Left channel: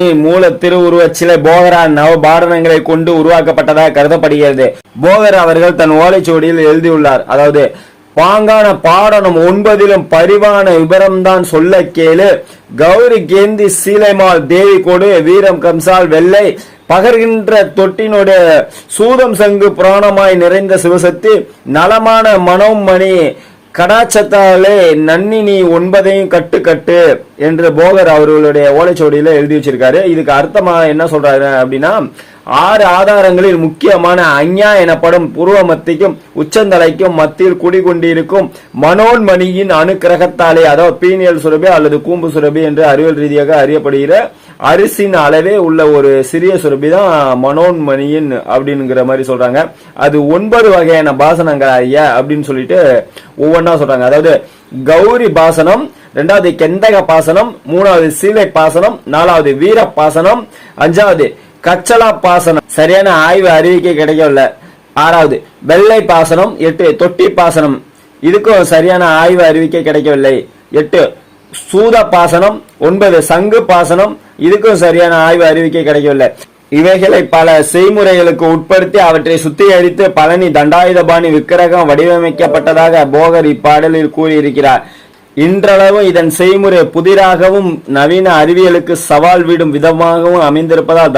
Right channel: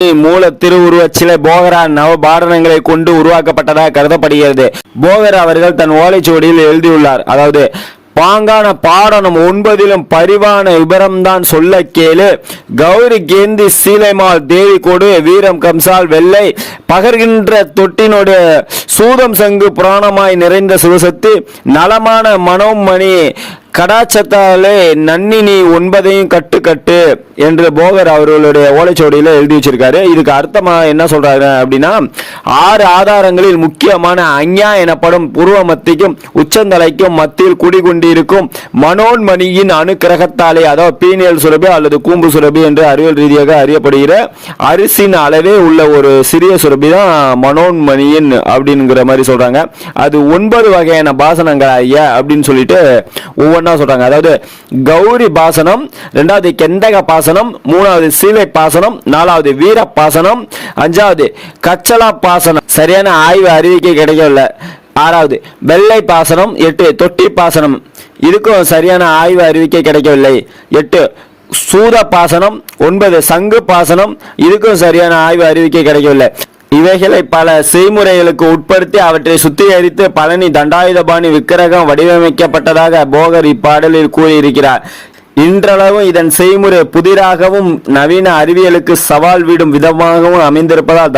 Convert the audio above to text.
மூல திருவுருவச் சிலை போகரான் நவபாரணங்களை கொண்டு உருவாக்கப்பட்டதாக கருதப்படுகிறது. போகர் அவர்கள் தன் ஓலைச்சுவடியில் எழுதியுள்ளார். அதாவது பாங்கான பாடனம் 9 பரிவான விபரம்தான் சொல்ல கேளு. கௌரி கேந்தி சீலைமால் தேவி கொடு வீரம் கம்சால் வெள்ளை பகர்கின்ற தொட்டினோடு சூதம் சங்கு புராணமாய் நிறைந்த சிவசக்தி நலமான மனோமணி கடாச்சத்தாலே நன்னினி 9 கட்டு கட்டு என்று போகர் அவர்களுடைய ஓலைச்சுவடியில எழுதி வச்சிருக்காரு. இதுக்கு அர்த்தமா என்ன சொல்றாரு அப்படின்னா, 6 ஆதாரங்களில் முக்கியமான அஞ்ஞா எனப்படும் பூர்வ மத்திக்கும் உச்சந்தலைக்கும் மத்தியில் குடிகொண்டிருக்கும் மனோன்மணியின் அணுக்கிரகத்தாலே, அதாவது பீனியல் சுரபி அல்லது கூம்பு சுரபி என்று அறிவியல் ரீதியாக அறியப்படுகிற அரிசின் அளவே உள்ள ஒரு சிறிய சுரபி தான் மனோன்மணியின் அப்படிங்கிற மாதிரி சொல்றாங்க. அது 9 வகையான பாசனங்கள் ஐயா அப்படின்னு சொல்லிட்டு ஒவ்வொன்றா சொல்றாங்க. அதாவது கௌரி பாசனம், 2வது கெந்தக பாசனம், 3வது சீலை பாசனம், 4வது வீர பாசனம், 5வது கச்சலா பாசனம் சரியான ஆய்வு அறிவிக்கை கிடைக்கல, 6வது வெள்ளை பாசனம், 8 தொட்டி பாசனம் இதுக்கும் சரியான ஆய்வு அறிவிக்கை கிடைக்கவில்லை, 8 சூத பாசனம், 9 சங்கு பாசனம் இதுக்கும் சரியான ஆய்வு அறிவிக்கை கிடைக்கவில்லை. இவைகளை பல செய்முறைகளுக்கு உட்படுத்தி அவற்றை சுத்திகரித்து பழனி தண்டாயுதபாணி விக்கிரகம் வடிவமைக்கப்பட்டதாக போகர் இப்பாடலில் கூறியிருக்கிறார். இன்றளவு இதன் செய்முறை புதிராகவும் நவீன அறிவியலுக்கு சவால் விடும் விதமாகவும் அமைந்திருப்பதால்